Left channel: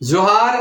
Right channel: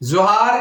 जोहार,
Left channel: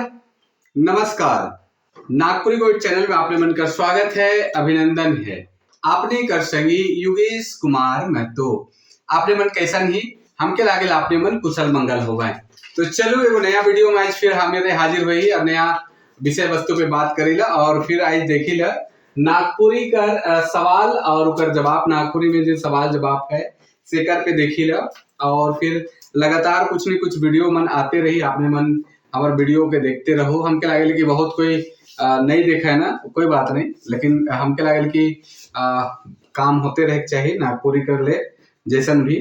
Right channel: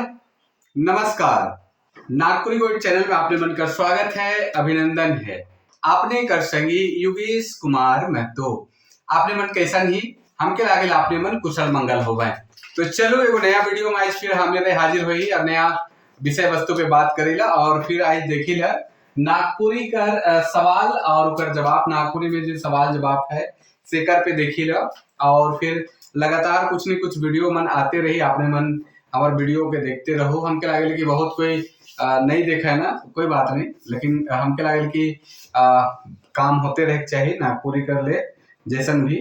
नमस्कार। नागपुरी गोइड चैनल में आपने मन का स्वागत है, अभिनंदन है। आपने कर संगी योगेश कुमार महतो। आपने मन कैसन ही हमके लागेल आपने मन कुशल मंगल होवे। तो चलो एगो नया वीडियो में आज फिर हमें हाजिर हुई और नया विषय वस्तु पे बात करेला और फिर आज देखिला नागपुरी कर सवाल और उकर जवाब। नागपुरी में जो सवाल जवाब है सेकर पे देखिला और फिर लगातार कुछ न कुछ वीडियो मन आते रही। आपने मन हमारे वीडियो के देखते रहो। हमके लागल कि बहुत कोई नहीं देखा है ना, कोई बात नहीं, लेकिन हमके लागल कि काम होते रहे चाहिए नागपुरी कर ले जैसन भी।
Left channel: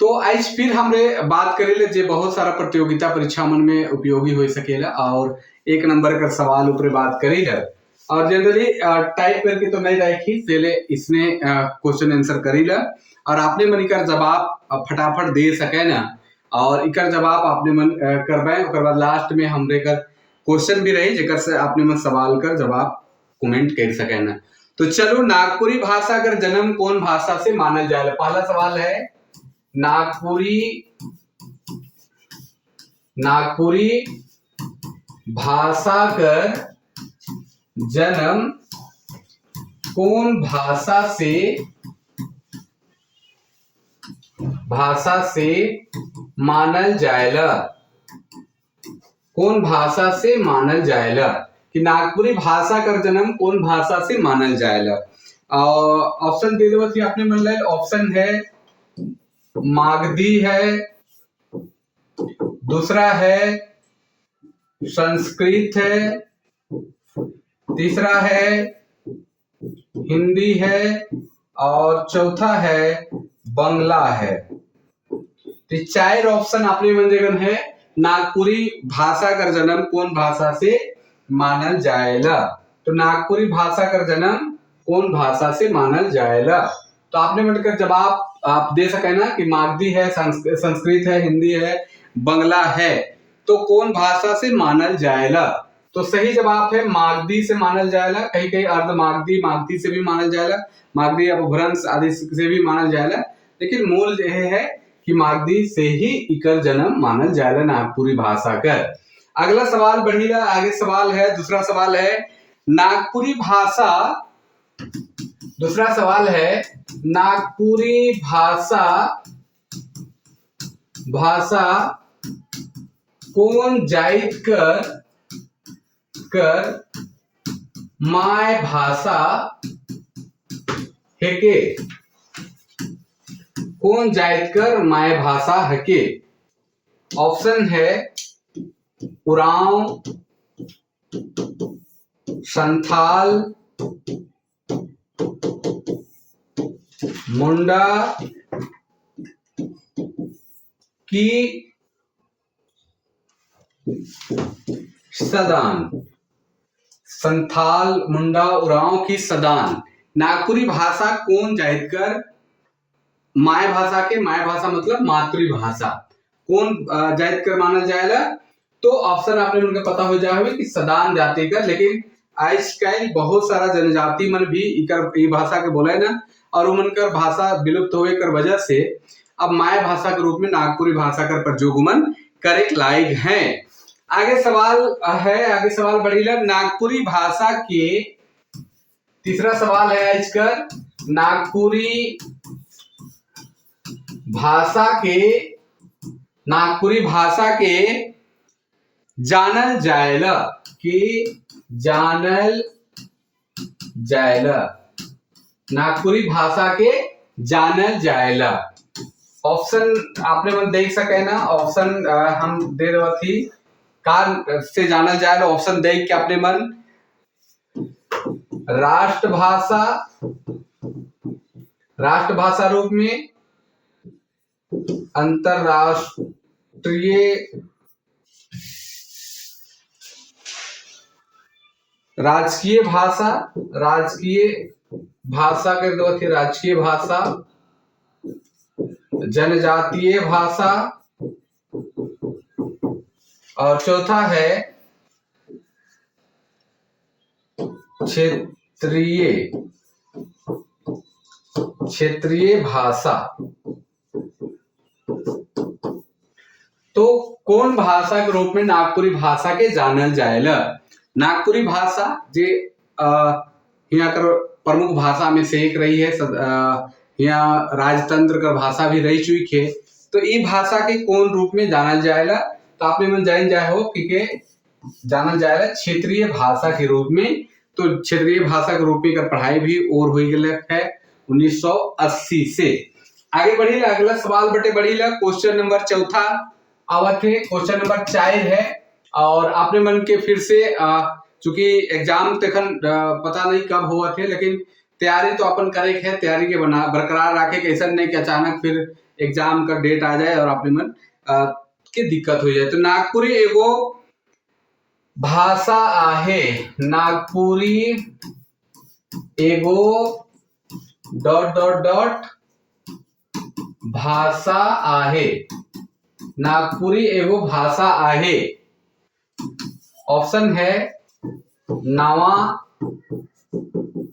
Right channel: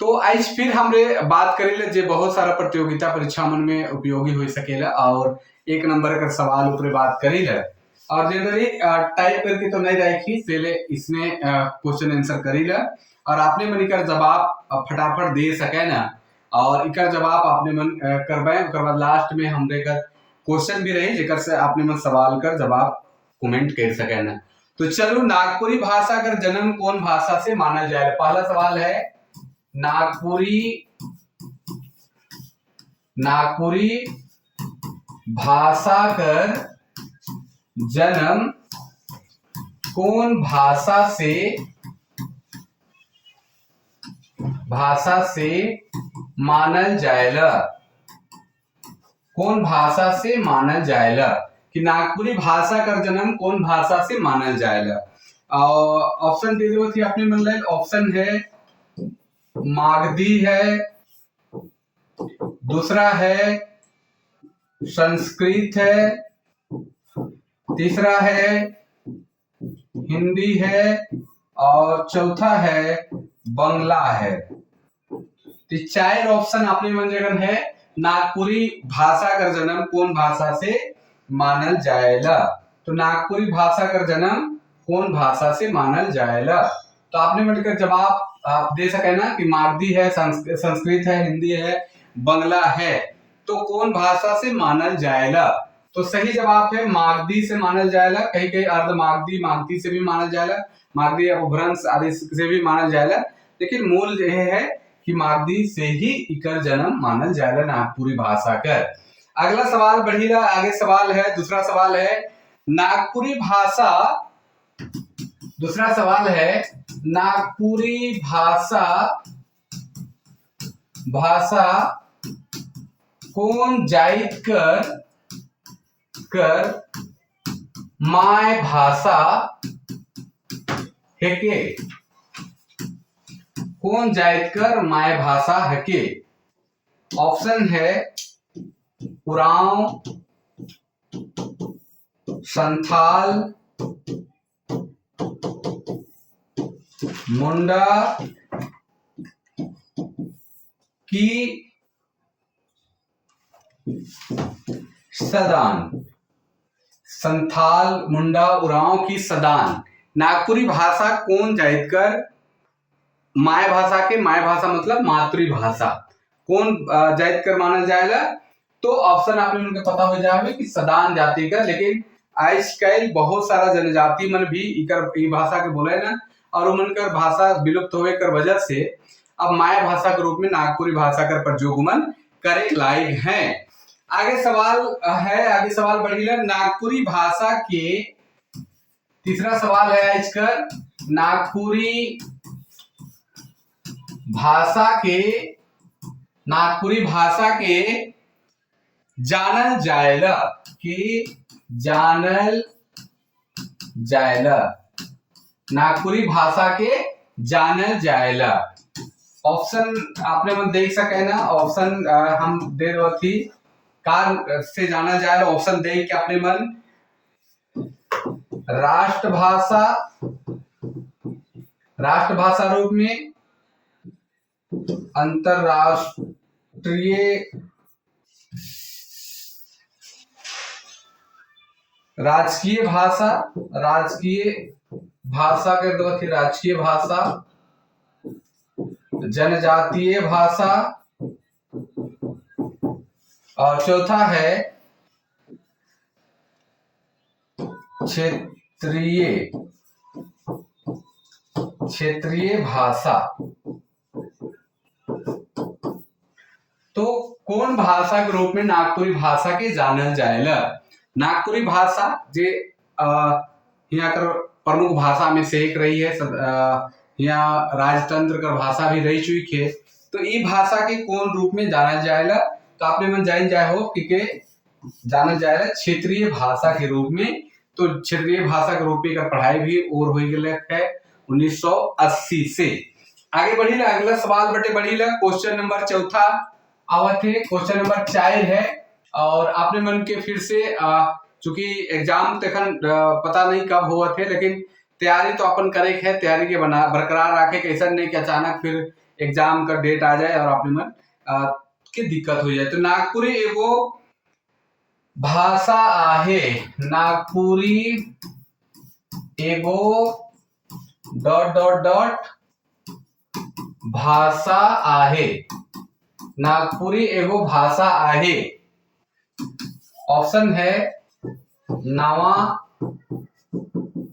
तो आज फिर हमरे बात करेले जे बहुत सारा प्रतियोगिता परीक्षा मन में उपयोगी हो सकेला और एक नंबर का सवाल ऊपर बात करेला और जनरली टाइप करके तो नहीं रखी सेले इसने क्वेश्चन आंसर करेला और आपने मन कर जवाब फटाफट दे सके ना और इकर जवाब आपने मन करवाए। उसके बाद लास्ट में हमरे कर क्वेश्चन भी रही जेकर से आपने मन सवाल कर जवाब कमेंट कर सके ना। तो चलो, नागपुरी भाषा का जन्म कौन भाषा से मानल जाए। पहला सवाल है नागपुरी भाषा कर जन्म कौन भाषा से मानल जाएला। कौन भाषा से मानल जाएला कि नागपुरी भाषा का जन्म कौन भाषा से मानल जाएला। ऑप्शन दे दो थी आपने मन लाइल। ऑप्शन है मागधी है, दूसरा है संस्कृत है, तीसरा है हिंदी है और चौथा है बंगला है। तो चार ऑप्शन आपने मन जगन है नागपुरी भाषा का जन्म कौन भाषा से मानल जाएला। तो नागपुरी भाषा का जन्म कौन भाषा से मानल जाएला। तो आपने मिलकर जवाब आप दे सके ना कि मागधी है, संस्कृत है, हिंदी है, बंगला है। तो कौन भाषा से मानल जाएला। तो सही जवाब है मागधी से मानल जाएला। कहीं कहीं अर्ध मागधी से भी मानल जाएला, मागधी अपभ्रंश आदि से भी मानल जाएला, लेकिन मूल यह है कि मागधी से ही इकर जन्म मानल जाएला नागपुरी भाषा का। अगला सवाल बढ़ीला। आगे सवाल है, दूसरा सवाल है नागपुरी भाषा कौन जाइत कर माय भाषा हेके। कौन जाइत कर माय भाषा हेके। ऑप्शन है उरांव, संथाल, मुंडा की सदान। संथाल, मुंडा, उरांव की सदान। नागपुरी भाषा कौन जाइत कर माय भाषा के, माय भाषा मतलब मातृभाषा, कौन जाइत कर मानल जाएगा। तो ऑप्शन आपने उनके पता हो जाए कि सदान जाति का। लेकिन आजकल बहुत सारा जनजाति मन भी इकर भाषा के बोले ना और उनकर भाषा विलुप्त होवे कर वजह से अब माय भाषा के रूप में नागपुरी भाषा कर प्रयोगमन करे लायक हैं। आगे सवाल बढ़ीला नागपुरी भाषा के। तीसरा सवाल है आज कर नागपुरी भाषा के जानल जाएला। नागपुरी भाषा के जानल जाएला। ऑप्शन आपने मन देख सके ना। ऑप्शन हम दे रहे थी कार से जानल जाएला। ऑप्शन देख के आपने मन राष्ट्रभाषा रूप में, अंतरराष्ट्रीय राजकीय भाषा के दो थी राजकीय भाषा, जनजातीय भाषा और चौथा है क्षेत्रीय भाषा। तो कौन भाषा के रूप में नागपुरी भाषा के जानल जाएला। नागपुरी भाषा जे यहाँ कर प्रमुख भाषा में से एक रही है। यहाँ राजतंत्र का भाषा भी रही चुकी है। तो ये भाषा के कौन रूप में जानल जाएला, तो आपने मन जान जाए हो कि जानल जाएला क्षेत्रीय भाषा के रूप में। तो क्षेत्रीय भाषा के रूप में कर पढ़ाई भी और हो गई है 1980 से। आगे बढ़ी ला, अगला सवाल बटे बढ़ी ला, क्वेश्चन नंबर चौथा आवत है, क्वेश्चन नंबर 4 है। और आपने मन के फिर से चूंकि एग्जाम तखन पता नहीं कब हुआ थे, लेकिन तैयारी तो अपन करे है, तैयारी के बना बरकरार रखे के, ऐसा नहीं कि अचानक फिर एग्जाम का डेट आ जाए और आपने मन के दिक्कत हो जाए। तो नागपुरी एगो भाषा आहे, नागपुरी एगो डॉट डॉट डॉट भाषा आहे, नागपुरी एगो भाषा आहे। ऑप्शन है नावा,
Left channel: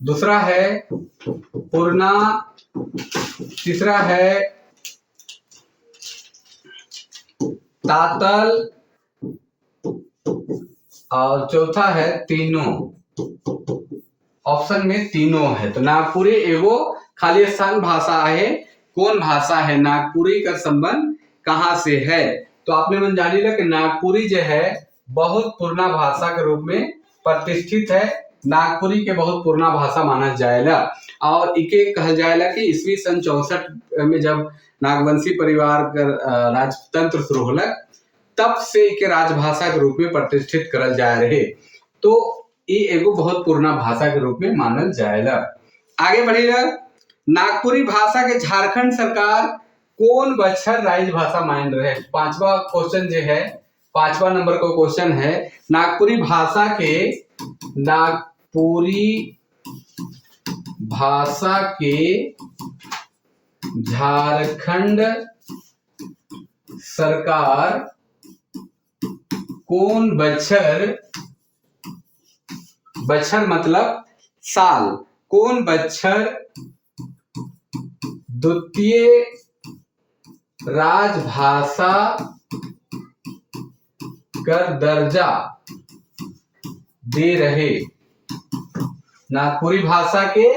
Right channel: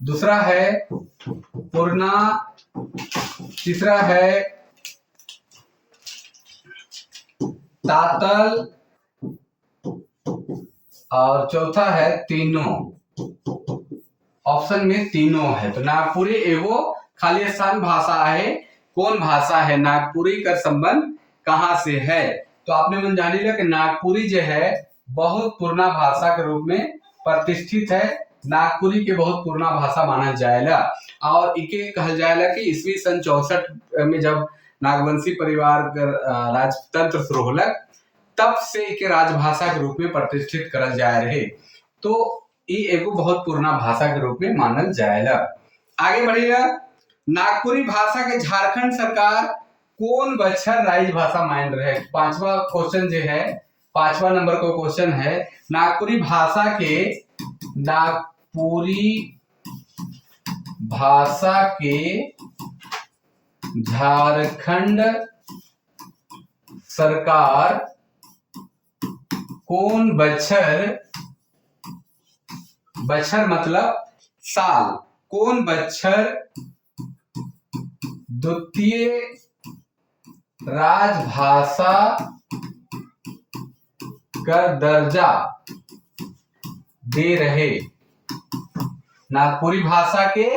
दूसरा है पूर्णा, तीसरा है तातल और चौथा है तीनों। ऑप्शन में तीनों है। तो नागपुरी एगो खाली स्थान भाषा है। कौन भाषा है, नागपुरी का संबंध कहां से है। तो आपने मन जानी ला कि नागपुरी जो है बहुत पुराना भाषा के रूप में प्रतिष्ठित है। नागपुरी के बहुत पुराना भाषा माना जाएगा और इके कहा जाएगा कि ईस्वी सन 64 में जब नागवंशी परिवार का राजतंत्र शुरू होलक, तब से इके राजभाषा के रूप में प्रतिष्ठित करल जा रहे। तो ये एगो बहुत पुराना भाषा के रूप में मानल जाएगा। आगे बढ़ेगा, नागपुरी भाषा के झारखंड सरकार कौन बछर राजभाषा मान रहे। पांचवा क्वेश्चन जो है, 5वां नंबर का क्वेश्चन है, नागपुरी भाषा के झारखंड सरकार कौन बछर मतलब साल, कौन बछर द्वितीय राजभाषा कर दर्जा दे रहे। नागपुरी भाषा के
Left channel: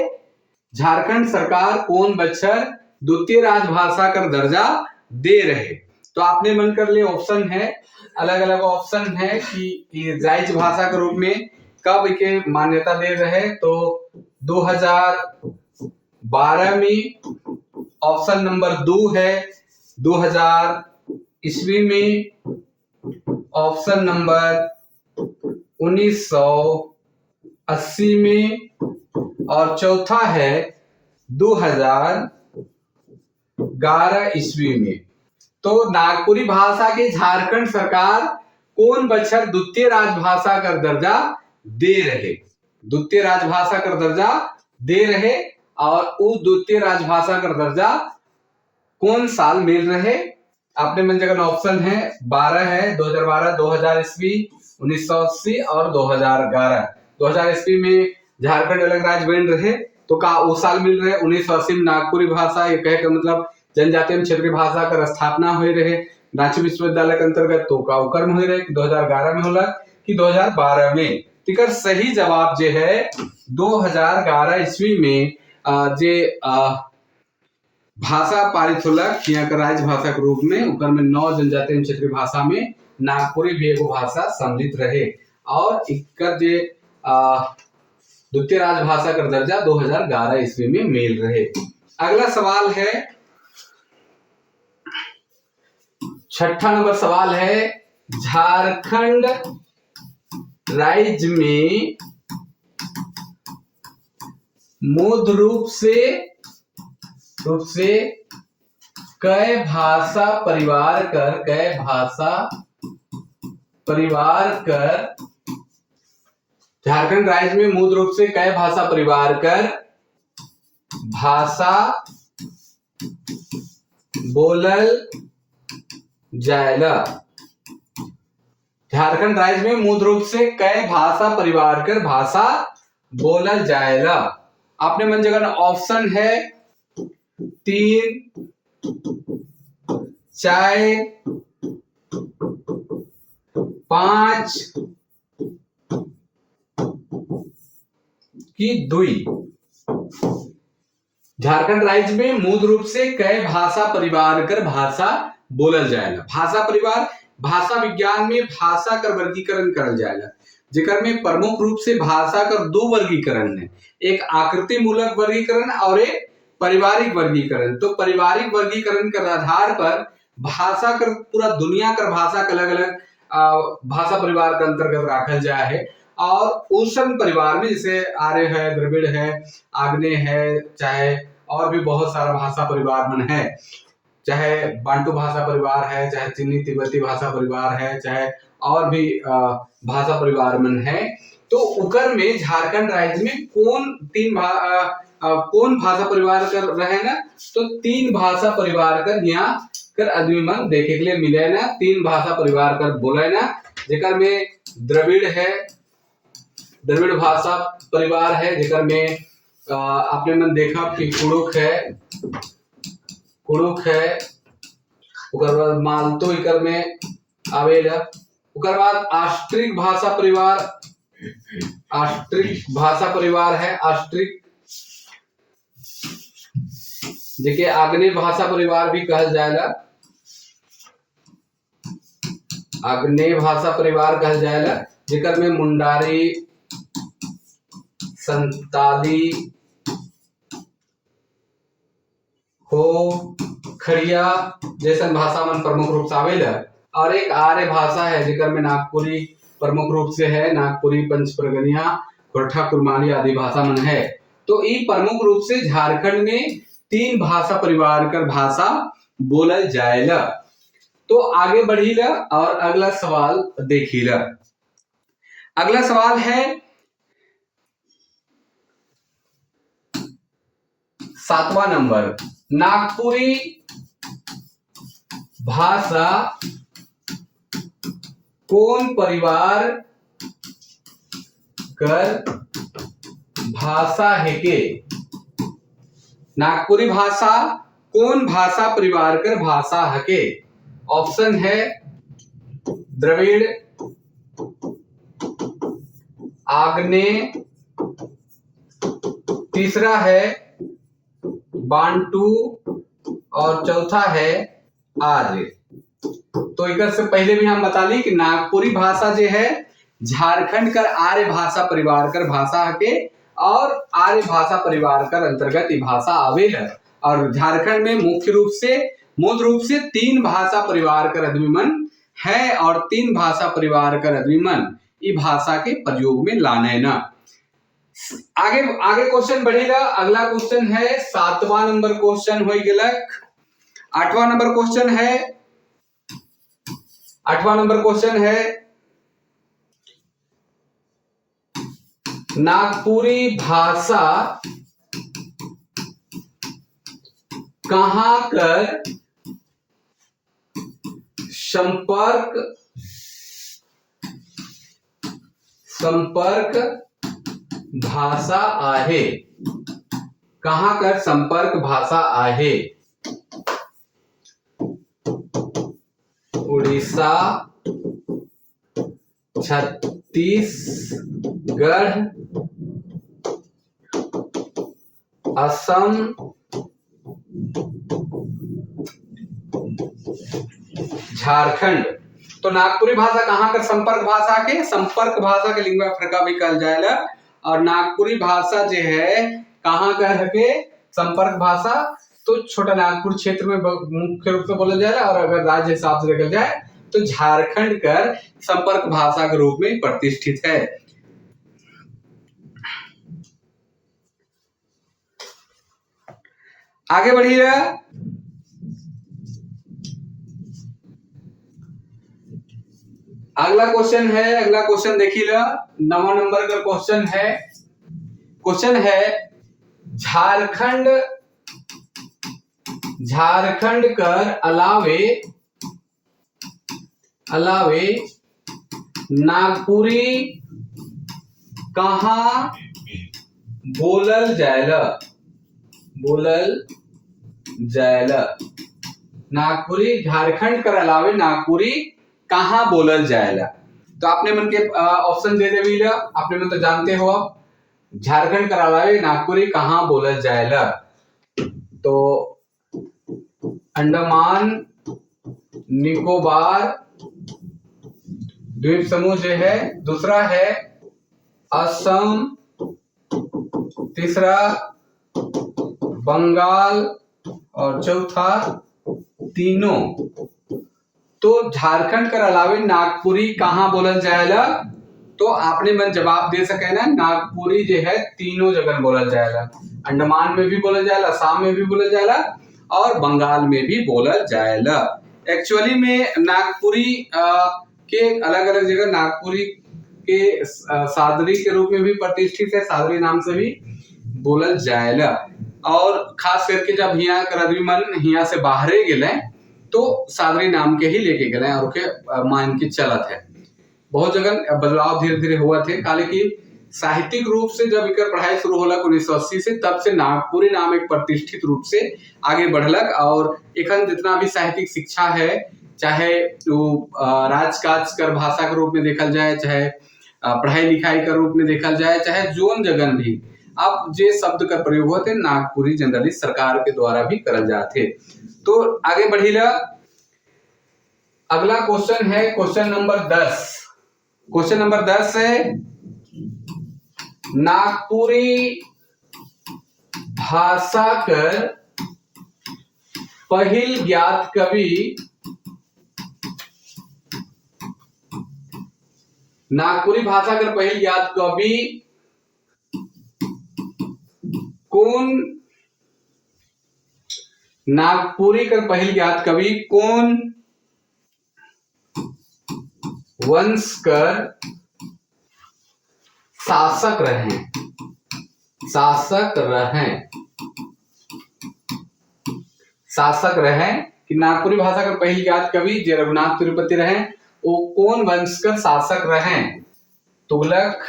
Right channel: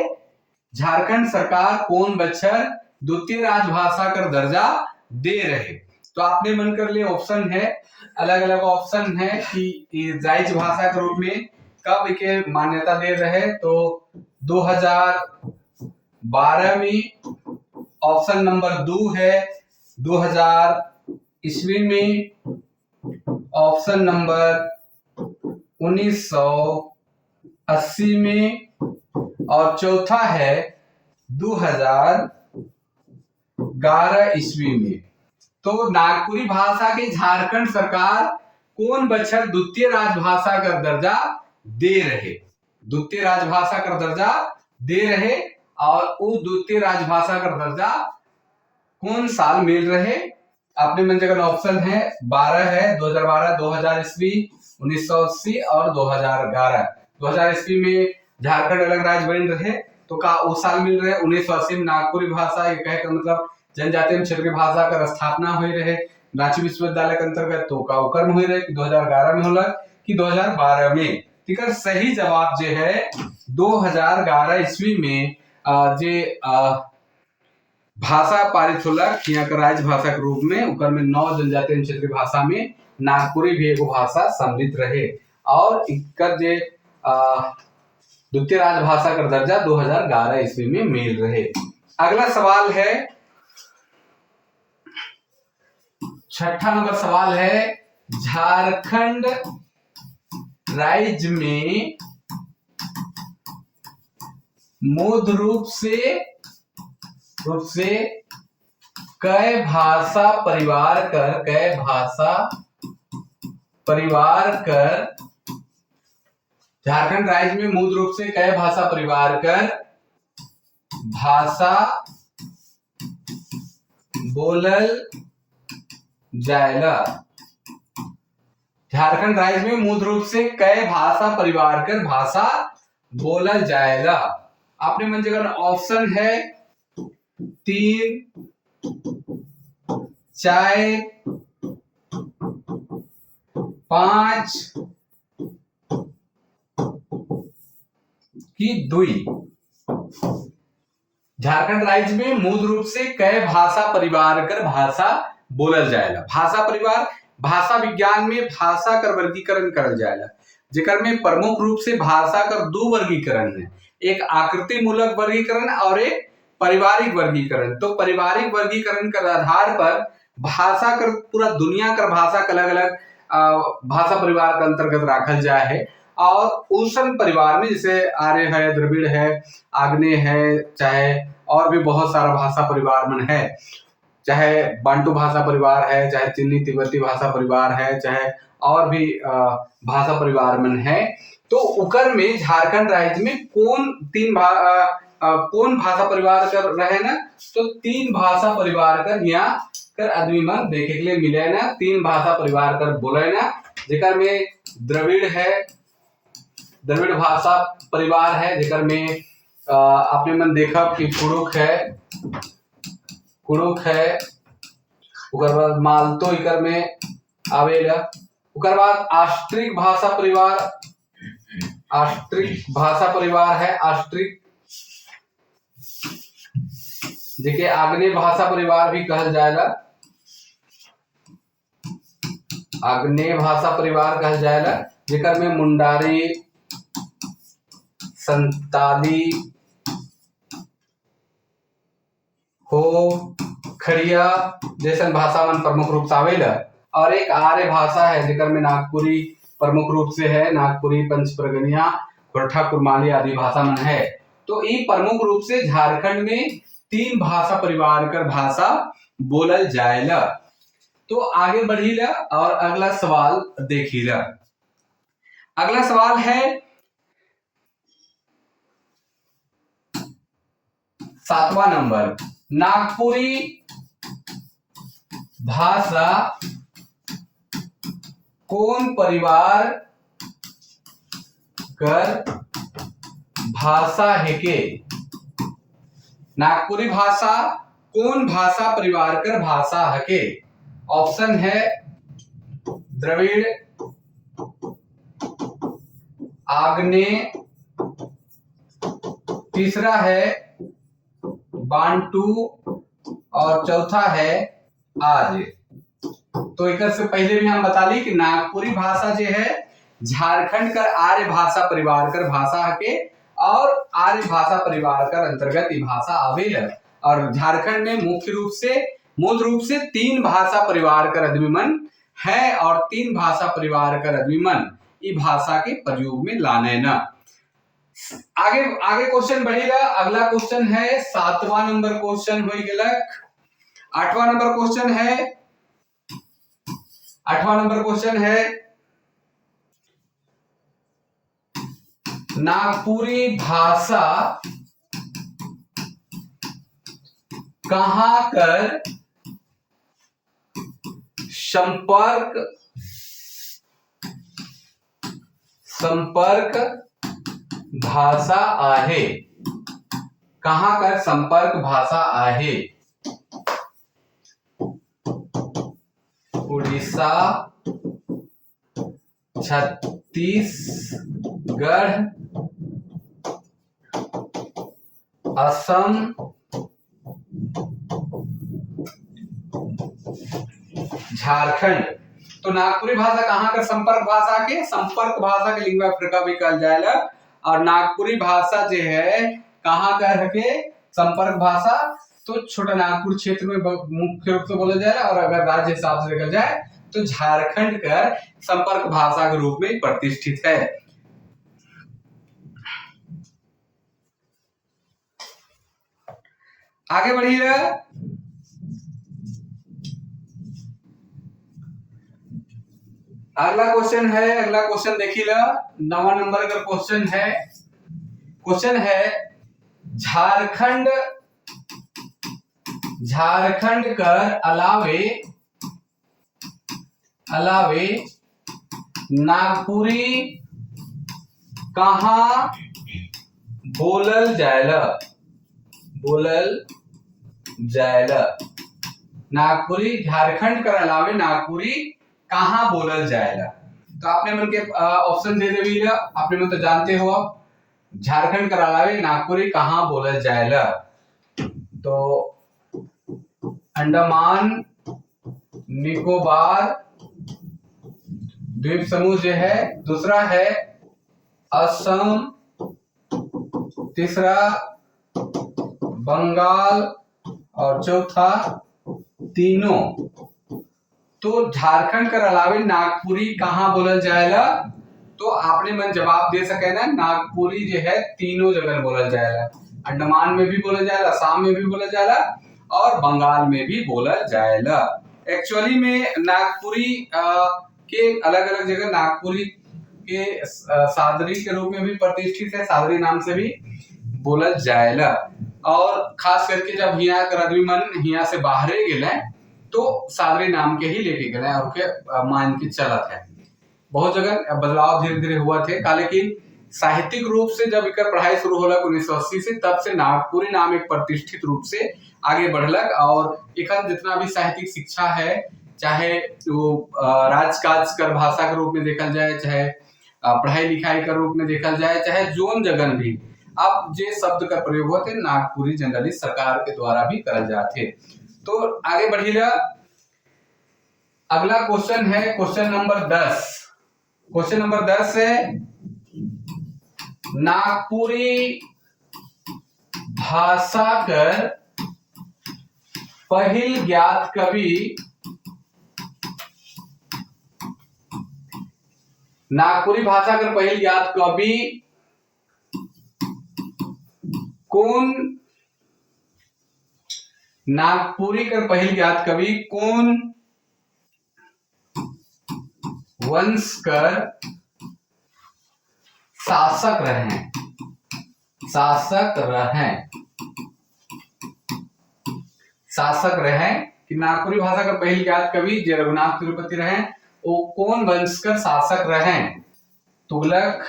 झारखंड सरकार कौन बछर द्वितीय राजभाषा कर दर्जा दे रहे। तो आपने मन कर ले ऑप्शन है, अलग अलग ऑप्शन है कि राजभाषा के रूप में कब के मान्यता दे रहे। तो 2012 में ऑप्शन नंबर 2 है, 2000 ईस्वी में ऑप्शन नंबर 1980 में और चौथा है 2011 ईस्वी में। तो नागपुरी भाषा के झारखंड सरकार कौन बछर द्वितीय राजभाषा का दर्जा दे रहे, द्वितीय राजभाषा का दर्जा दे रहे और वो द्वितीय राजभाषा का दर्जा कौन साल मिल रहे। आपने मन जगह ऑप्शन है 12 है, 2012, 2000 ईस्वी, 1980 और 2011। 2000 ईस्वी में झारखंड अलग राज्य बन रहे, तो का वो साल मिल रहे 1980 में नागपुरी भाषा, ये कहे का मतलब जनजातीय क्षेत्रीय भाषा का स्थापना हुई रहे रांची विश्वविद्यालय के अंतर्गत। तो का कर्म हुई रहे 2011 में होला कि 2012 में। ठीक है, सही जवाब जो है 2011 ईस्वी में जे भाषा पारित होलक यहाँ का राजभाषा के रूप में, उकर में 9 जनजातीय क्षेत्रीय भाषा में नागपुरी भी एगो भाषा सम्मिलित रहे और इकर जे द्वितीय राजभाषा का दर्जा 2011 ईस्वी में मिल रहे। अगला सवाल है, 6ठा नंबर सवाल है, झारखंड राज्य में मूल रूप से कै भाषा परिवार कर झारखंड राज्य में मूल रूप से कै भाषा परिवार कर भाषा बोलल जाएला। झारखंड राज्य में मूल रूप से कै भाषा परिवार कर भाषा बोलल जाएला। आपने मन जगह ऑप्शन है 3, 4, 5 की दुई। झारखंड राज्य में मूल रूप से कई भाषा परिवार कर भाषा बोलल जाएला। भाषा परिवार भाषा विज्ञान में भाषा कर वर्गीकरण करल जाएला, जेकर में प्रमुख रूप से भाषा कर दो वर्गीकरण है, एक आकृति मूलक वर्गीकरण और एक पारिवारिक वर्गीकरण। तो पारिवारिक वर्गीकरण के आधार पर भाषा कर पूरा दुनिया कर भाषा के अलग अलग भाषा परिवार के अंतर्गत रखल जाए है। और उष्ण परिवार में जैसे आर्य है, द्रविड़ है, आग्नेय है, चाहे और भी बहुत सारा भाषा परिवार मन है, चाहे बांटू भाषा परिवार है, चाहे चीनी तिब्बती भाषा परिवार है, चाहे और भी भाषा परिवार मन है। तो उकर में झारखंड राज्य में कौन भाषा परिवार कर रहे ना, तो 3 भाषा परिवार कर यहाँ कर आदमी मन देखे के लिए मिले ना। 3 भाषा परिवार कर बोले ना, जेकर में द्रविड़ है, द्रविड़ भाषा परिवार है, जेकर में आपने मन देखा कि कुड़ुक है, उकर बाद मालतो इकर में आवेला। उकर बाद ऑस्ट्रिक भाषा परिवार है, ऑस्ट्रिक जेके आग्नेय भाषा परिवार भी कहल जाएला, आग्नेय भाषा परिवार कहल जाएला, जेकर में मुंडारी, संताली, हो, खड़िया जैसन भाषा मन प्रमुख रूप से आवेला। और एक आर्य भाषा है, जेकर में नागपुरी प्रमुख रूप से है, नागपुरी, पंचप्रगनिया, खोरठा, कुरमाली आदि भाषा मन है। तो ये प्रमुख रूप से झारखंड में 3 भाषा परिवार कर भाषा बोलल जाएला। तो आगे बढ़ीला और अगला सवाल देखीला। अगला सवाल है 7वां नंबर, नागपुरी भाषा कौन परिवार कर भाषा है के? नागपुरी भाषा कौन भाषा परिवार कर भाषा है के? ऑप्शन है द्रविड़, आग्नेय, तीसरा है बांटू और चौथा है आर्य। तो एक से पहले भी हम बता ली कि नागपुरी भाषा जो है झारखंड कर आर्य भाषा परिवार कर भाषा के, और आर्य भाषा परिवार कर अंतर्गत ये भाषा आवेला। और झारखंड में मूल रूप से 3 भाषा परिवार कर आदमी मन है, और 3 भाषा परिवार कर आदमी मन ये भाषा के प्रयोग में लाने ना। आगे क्वेश्चन बढ़ेगा। अगला क्वेश्चन है 7वां नंबर क्वेश्चन हो गया। 8वां नंबर क्वेश्चन है नागपुरी भाषा कहां कर संपर्क भाषा आहे? कहां कर संपर्क भाषा आहे? उड़ीसा, छत्तीसगढ़, असम, झारखंड। तो नागपुरी भाषा कहां कर संपर्क भाषा के लिंगुआ फ्रैंका भी कहल जाएला। और नागपुरी भाषा जो है कहां कर के संपर्क भाषा, तो छोटा नागपुर क्षेत्र में मुख्य रूप से बोला जाए, और अगर राज्य हिसाब से देखा जाए तो झारखंड कर संपर्क भाषा के रूप में प्रतिष्ठित है। आगे बढ़िए। अगला क्वेश्चन देखिए, 9वां नंबर का क्वेश्चन है झारखंड कर अलावे नागपुरी कहाँ बोलल जाएला? नागपुरी झारखंड कर अलावे नागपुरी कहाँ बोलल जाएला। तो आपने मन के ऑप्शन दे देवी ला, आपने मन तो जानते हो। झारखंड के अलावे नागपुरी कहाँ बोलल जाएला। तो अंडमान निकोबार द्वीप समूह जो है, दूसरा है असम, तीसरा बंगाल और चौथा तीनों। तो झारखंड के अलावे नागपुरी कहाँ बोलल जाएला। तो आपने मन जवाब दे सके ना, नागपुरी जो है तीनों जगह बोलल जाएला। अंडमान में भी बोलल जाएला, असम में भी बोलल जाएला और बंगाल में भी बोलल जाएला। एक्चुअली में नागपुरी के अलग अलग जगह नागपुरी के सादरी के रूप में भी प्रतिष्ठित है, सादरी नाम से भी बोलल जाएला। और खास करके जब हिया कर आदमी मन हिया से बाहरे गेले तो सादरी नाम के ही लेके गए और के मान के चलत है। बहुत जगह बदलाव धीरे धीरे हुआ थे, हालांकि साहित्यिक रूप से जब इकर पढ़ाई शुरू होला 1980 से, तब से नागपुरी नाम एक प्रतिष्ठित रूप से आगे बढ़लक। और एखन जितना भी साहित्यिक शिक्षा है, चाहे वो राजकाज कर भाषा के रूप में देखल जाए, चाहे पढ़ाई लिखाई के रूप में देखल जाए, चाहे जोन जगन भी, अब जे शब्द का प्रयोग होते नागपुरी जनरली सरकार के द्वारा भी करल जाते। तो आगे बढ़िला, अगला क्वेश्चन है क्वेश्चन नंबर 10। क्वेश्चन नंबर 10 है नागपुरी भाषा कर पहिल ज्ञात कवि, नागपुरी भाषा कर पहिल ज्ञात कवि कौन, नागपुरी कर पहिल ज्ञात कवि कौन वंश कर शासक रहे, शासक रहे, शासक रहे कि नागपुरी भाषा का पहिल ज्ञात कवि जे रघुनाथ तिरुपति रहे, वो कौन वंश कर शासक रहे। तुगलक,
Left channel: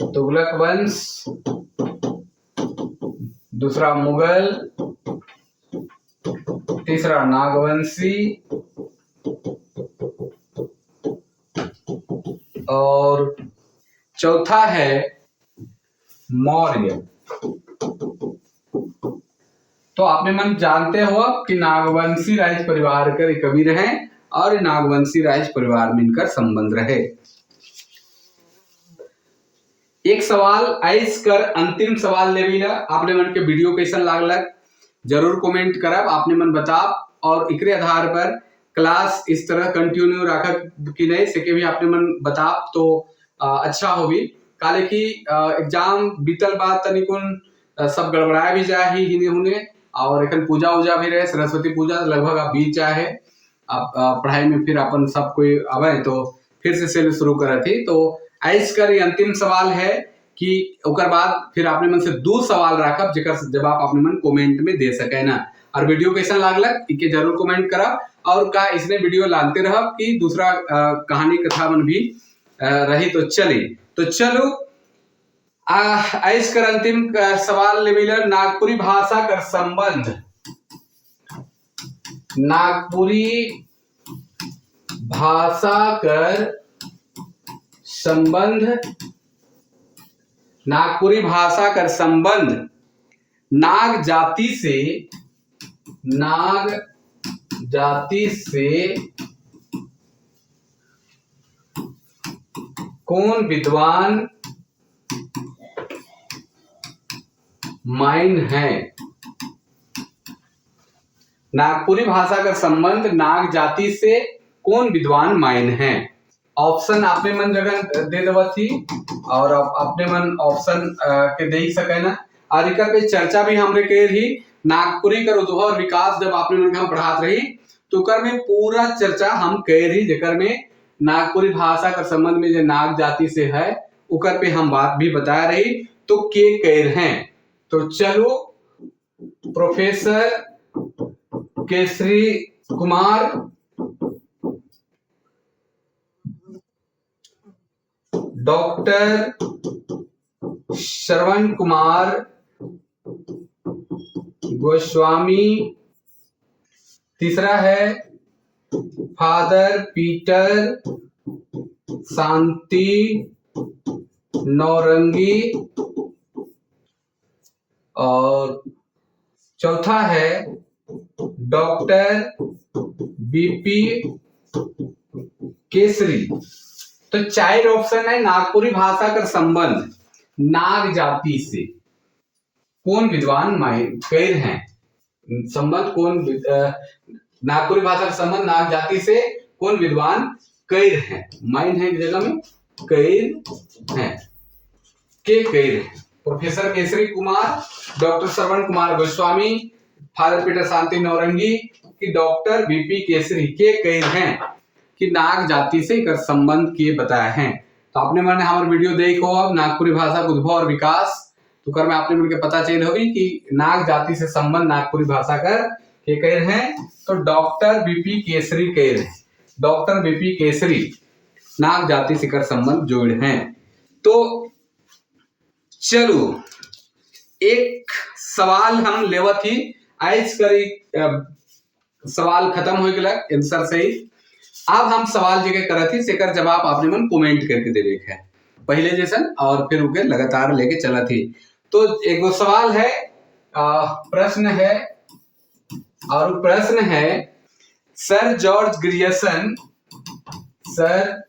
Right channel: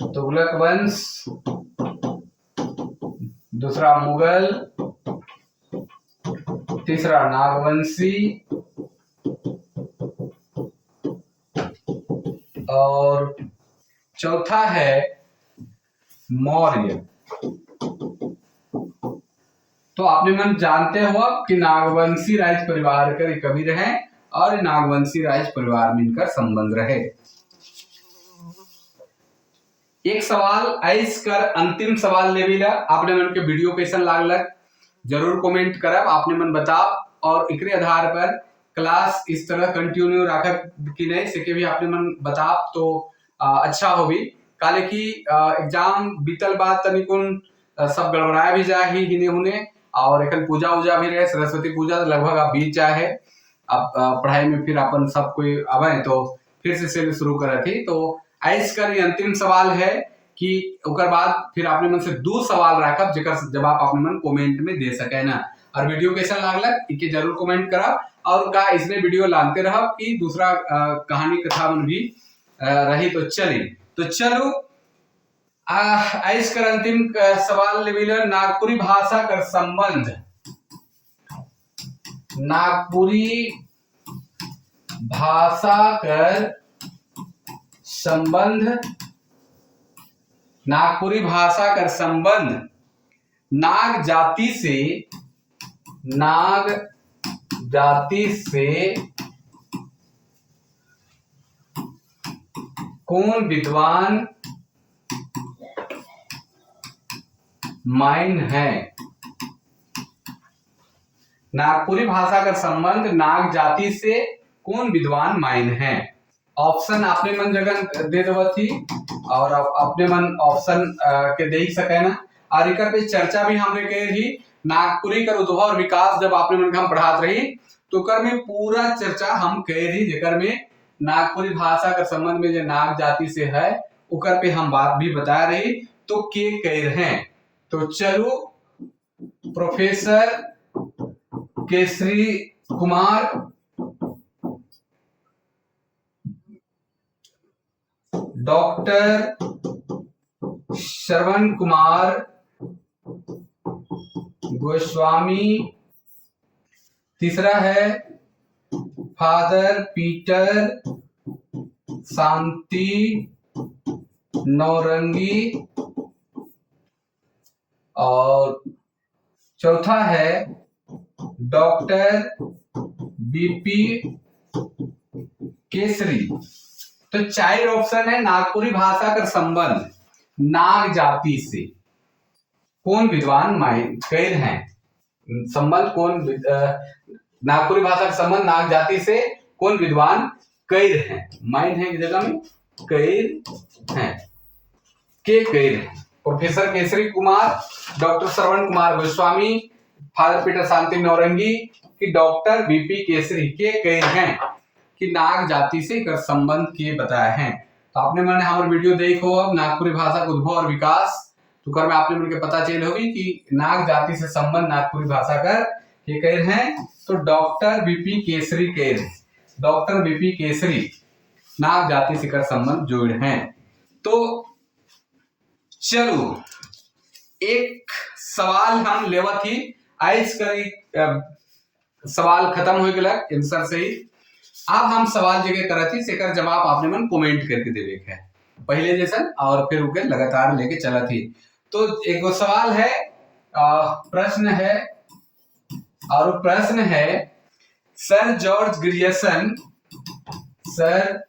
तुगलक वंश, दूसरा मुगल, तीसरा नागवंशी और चौथा है मौर्य। तो आपने मन जानते हो कि नागवंशी राज परिवार कर कवि रहे और नागवंशी राज परिवार में इनका संबंध रहे। एक सवाल आइस कर अंतिम सवाल लेविला, आपने मन के वीडियो कैसन लागलक जरूर कमेंट करब, आपने मन बताब। और एकरे आधार पर क्लास इस तरह कंटिन्यू रखक कि नहीं सके भी आपने मन बताब तो अच्छा होगी। काले की एग्जाम बीतल बाद तनिकुन सब गड़बड़ाया भी जाए ही हिने हुने, और एखन पूजा उजा भी रहे, सरस्वती पूजा लगभग अब बीत जाए है। अब पढ़ाई में फिर अपन सब कोई आवे तो फिर से शुरू करे थी। तो आइस कर अंतिम सवाल है कि उकर बाद फिर आपने मन से 2 सवाल रखब जेकर जवाब आपने मन कमेंट में दे सके ना। और वीडियो कैसा लागलक इके जरूर कमेंट करब, और का इसने वीडियो लानते रहब कि दूसरा कहानी कथा मन भी रही तो चली। तो चलो आइस कर अंतिम सवाल लेविलर, नागपुरी भाषा कर संबंध, नागपुरी भाषा कर संबंध, नागपुरी भाषा कर संबंध नाग जाति से, नाग जाति से कौन विद्वान माइन है। नागपुरी भाषा का संबंध नाग जाति से कौन विद्वान माइन है। ऑप्शन आपने मन जगह दे देवा थी और अपने मन ऑप्शन के दे ही सके ना। और एक पे चर्चा भी हमने कही रही, नागपुरी का उद्भव और विकास जब आपने मन हम पढ़ात रही तो कर में पूरा चर्चा हम कह रही, जेकर में नागपुरी भाषा का संबंध में जो नाग जाति से है उकर पे हम बात भी बता रही। तो के कह रहे हैं, तो चलो प्रोफेसर केसरी कुमार, डॉक्टर श्रवण कुमार गोस्वामी, तीसरा है फादर पीटर शांति नौरंगी, और चौथा है डॉक्टर बीपी केसरी। तो चार ऑप्शन है नागपुरी भाषा का संबंध नाग जाति से कौन विद्वान कैर हैं। संबंध कौन नागपुरी भाषा का संबंध नाग जाति से कौन विद्वान कैर हैं। माइन है जगह में कैर हैं, के कैर हैं। Professor Kesari Kumar, doctor Shravan Kumar Goswami, father Peter शांति नौरंगी कि डॉक्टर बीपी केसरी के कैर हैं कि नाग जाति से एक संबंध के बताए हैं। तो आपने मैंने हमारे वीडियो देखो अब नागपुरी भाषा का उद्भव और विकास, तो कर में आपने मिलकर पता चल होगी कि नाग जाति से संबंध नागपुरी भाषा कर के कैर हैं। तो डॉक्टर बीपी केसरी कैर हैं, डॉक्टर बीपी केसरी नाग जाति से कर संबंध जोड़ हैं। तो चलो एक सवाल हम लेवत ही आज करी, सवाल खत्म हो गया आंसर से ही। अब हम सवाल जगह करत ही सेकर जवाब आपने मन कमेंट करके देवे है पहले जैसन, और फिर उके लगातार लेके चला थी। तो एक सवाल है, प्रश्न है, और प्रश्न है sir George Grierson, sir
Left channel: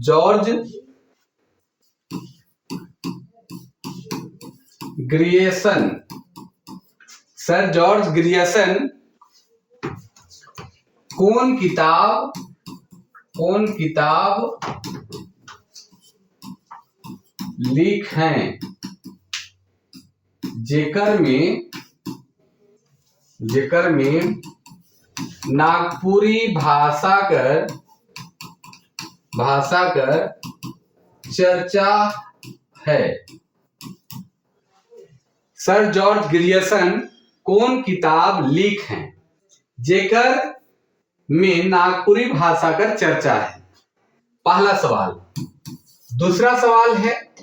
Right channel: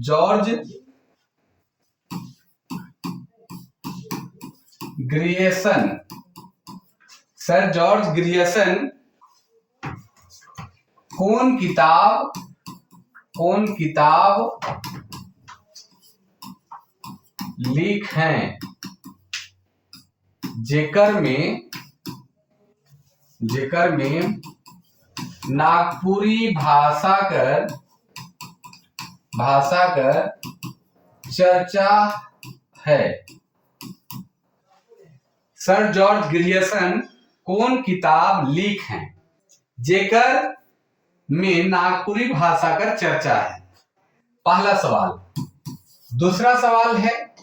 George Grierson, sir George Grierson कौन किताब लिख हैं जेकर में नागपुरी भाषा कर चर्चा है। सर जॉर्ज ग्रियर्सन कौन किताब लिख हैं जेकर में नागपुरी भाषा कर चर्चा है। पहला सवाल। दूसरा सवाल है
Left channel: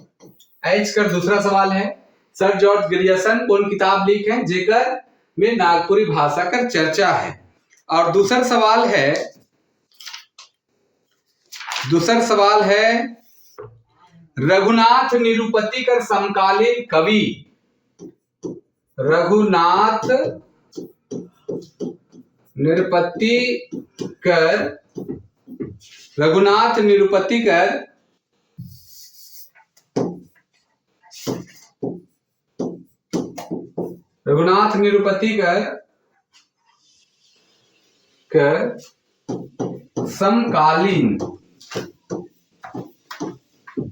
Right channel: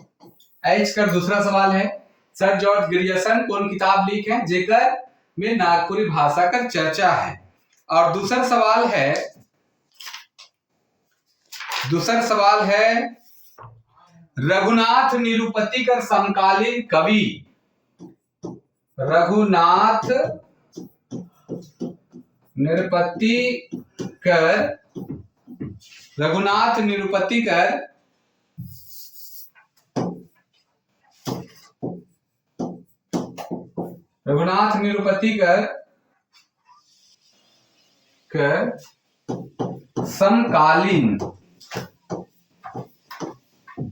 एच कर, दूसरा सवाल है सर जॉर्ज ग्रियर्सन कौन किताब लिख हैं जेकर में नागपुरी भाषा कर चर्चा है। और दूसरा सवाल है रघुनाथ निरुपति कर समकालीन कवि, रघुनाथ निरुपति कर समकालीन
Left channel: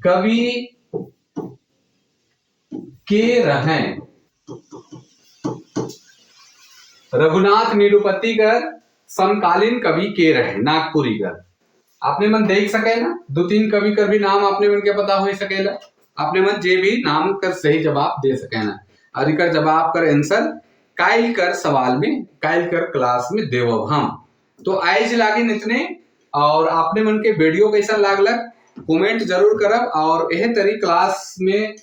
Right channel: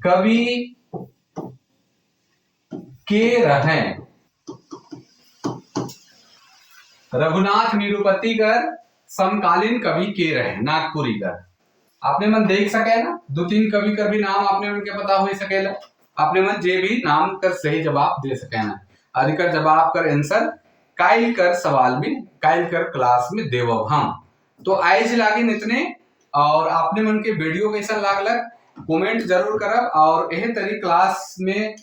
कवि के रहें। रघुनाथ निरुपति कर समकालीन कवि के रहे नागपुरी कर। आपने मन देख सके ना, दो तीन कवि कर भी नाम आपने मन के पता हो सकेला, आपने मन जे भी नाम कर सही जवाब दे सके ना। और इकर जवाब कर आंसर काइल कर सवाल में, काइल कर क्लास में देवब हम। तो आज लागिन इतने, और आपने मन के वीडियो कैसा लागलक कमेंट जरूर करब, और यह तरी क्लास में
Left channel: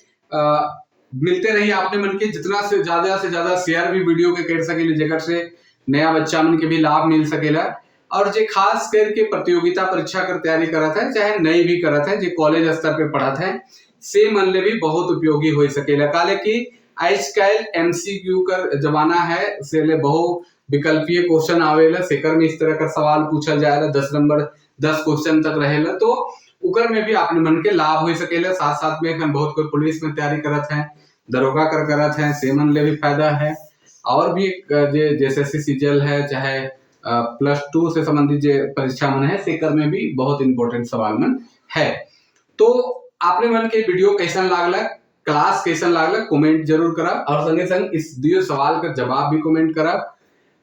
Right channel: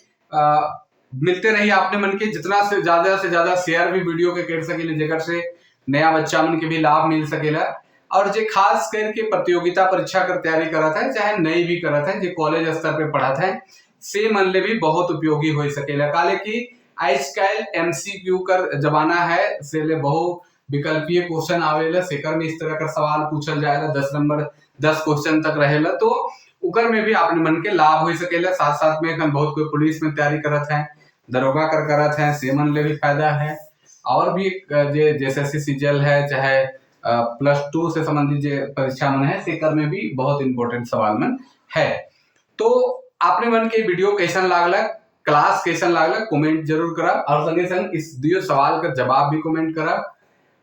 मिलते रहिए। आपने मन के जितना से ज्यादा शेयर भी वीडियो के कर सकेले जेकर से नया बच्चा मन के भी लाभ मिल सकेला। और जे खास करके प्रतियोगिता परीक्षा कर तैयारी करत है, चाहे नई भी करत है, जे कॉलेज स्तर पे पढ़त है, से मन ले भी बहुत उपयोगी हो सकेला। काले की आजकल एमसीक्यू कर जमाना है, से ले बहु विकल्पीय क्वेश्चन आवेला, सेकर में इस तरह का सवाल पूछल जाएगा, 10 नंबर 10 क्वेश्चन तक रहेला, तो उकर में भी अपने मन के लाभ हो सकेला। साथ साथ में बहुत कोई पुलिस में तैयारी करत है, दरोगा करत है, से मन ले भी फायदा है। और भी जैसे सीजीएल है, चाहे +2 से संबंधित जो परीक्षा मन है, सेकर में भी बहुत इंपॉर्टेंट सवाल मन है। तो आपने मन के वीडियो कैसन लागलक, क्लास कैसन लागलक कमेंट जरूर करब, और संगे संग इस दियो सवाल का जवाब भी कमेंट करब,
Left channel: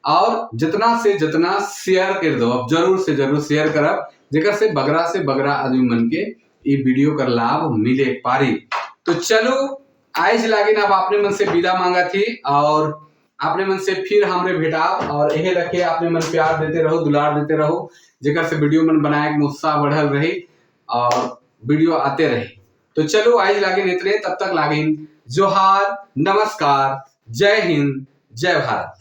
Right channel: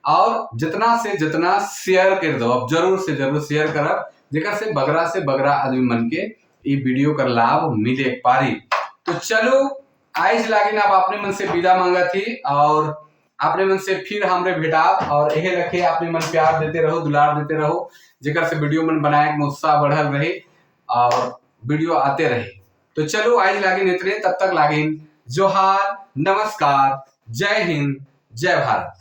और जितना से जितना शेयर कर दो, अब जरूर से जरूर शेयर करब, जेकर से बगरा आदमी मन के ये वीडियो का लाभ मिले पारी। तो चलो आज लागिन अब आपने मन से विदा मांगा थी, और आपने मन से फिर हमरे भेटाब, और यह रखे आपने मन प्यार देते रहो, दुलार देते रहो, जेकर से वीडियो मन बनाए में उत्साह बढ़ल रहे और वीडियो आते रहे। तो चलो आज लागिन इतने, तब तक लागिन जोहार, नमस्कार, जय हिंद, जय भारत।